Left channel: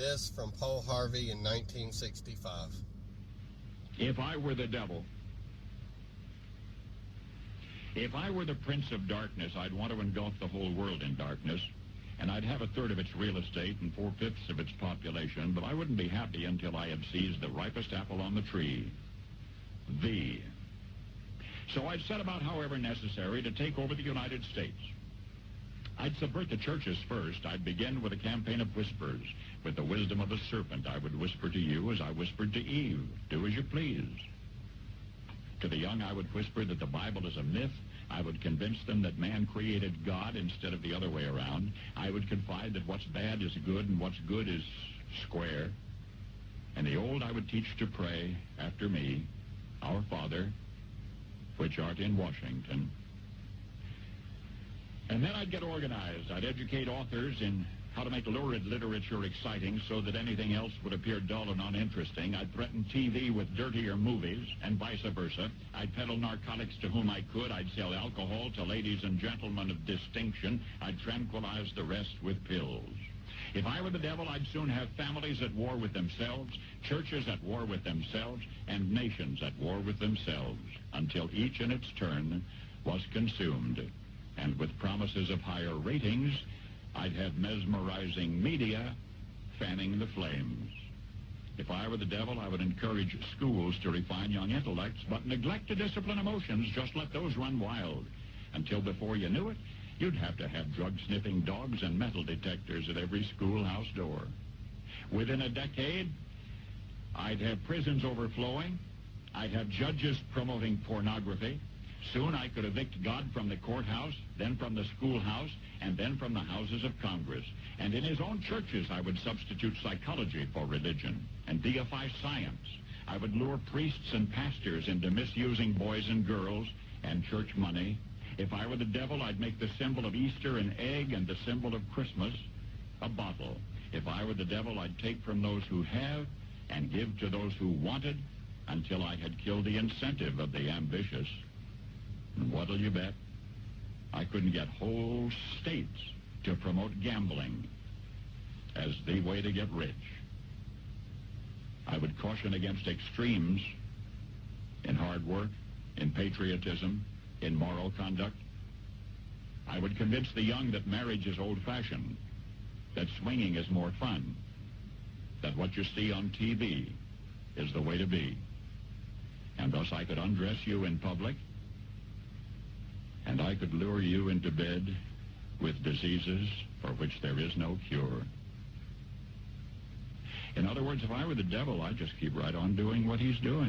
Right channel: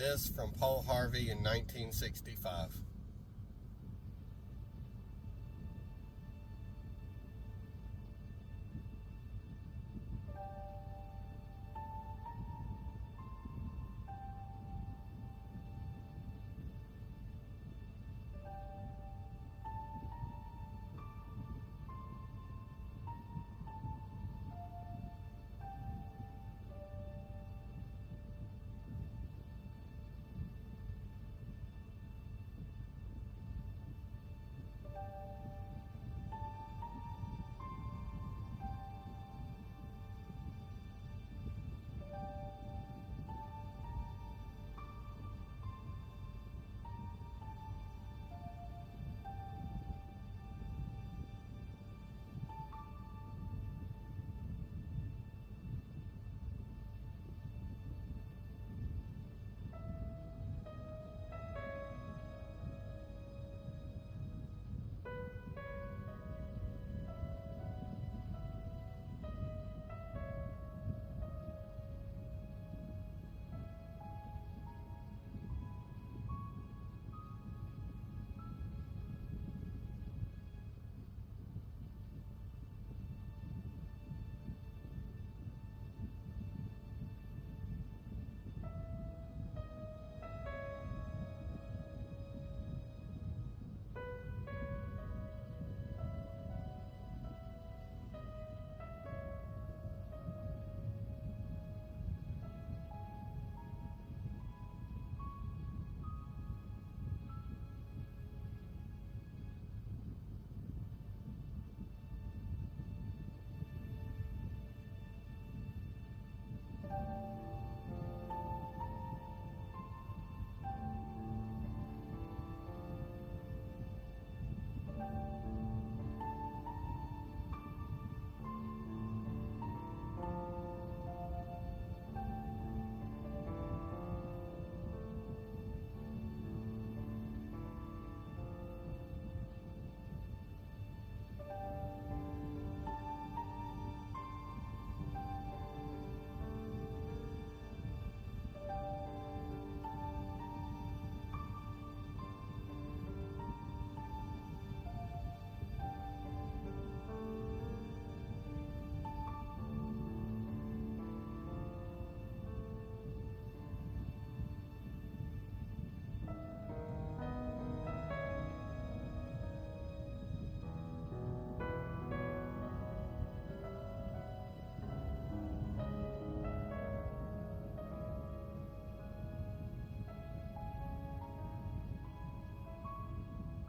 This from Paul Harvey in 1965. If I were the devil, if I were the prince of darkness, I'd want to engulf the whole world in darkness, and I'd have a third of its real estate and 4/5 of its population, but I wouldn't be happy until I had seized the ripest apple on the tree, thee. So I'd set about, however necessary, to take over the United States. I'd subvert the churches first. I'd begin with a campaign of whispers. With the wisdom of the serpent, I would whisper to you as I whispered to Eve, do as you please. To the young, I would whisper that the Bible is a myth. I would convince them that man created God instead of the other way around. I would confide that what's bad is good and what's good is square. And the old I would teach to pray after me, Our Father, which art in Washington. And then I'd get organized. I'd educate authors in how to make lurid literature exciting so that anything else would appear dull and uninteresting. I'd threaten TV with dirtier movies and vice versa. I'd peddle narcotics to whom I could. I'd sell alcohol to ladies and gentlemen of distinction. I'd tranquilize the rest with pills. If I were the devil, I'd soon have families at war with themselves, churches at war with themselves, and nations at war with themselves, until each in its turn was consumed. And with promises of higher ratings, I'd have mesmerizing media fanning the flames. If I were the devil, I would encourage schools to refine young intellects, but neglect to discipline emotions. Just let those run wild. Until before you knew it, you'd have to have drug-sniffing dogs and metal detectors at every schoolhouse door. Within a decade, I'd have prisons overflowing. I'd have judges promoting pornography. Soon I could evict God from the courthouse, then from the schoolhouse, and then from the houses of Congress. And in his own churches, I would substitute psychology for religion and deify science. I would lure priests and pastors into misusing boys and girls and church money. If I were the devil, I'd make the symbol of Easter an egg and the symbol of Christmas a bottle. If I were the devil, I'd take from those who have and give to those who wanted until I had killed the incentive of the ambitious. And what'll you bet? I couldn't get whole states to promote gambling as the way to get rich. I would caution against extremes in hard work, in patriotism, in moral conduct. I would convince the young that marriage is old-fashioned, that swinging is more fun, that what you see on TV is the way to be. And thus I could undress you in public, and I could lure you into bed with diseases for which there is no cure. In other words, if I were the devil, I'd just keep right on doing what he's doing.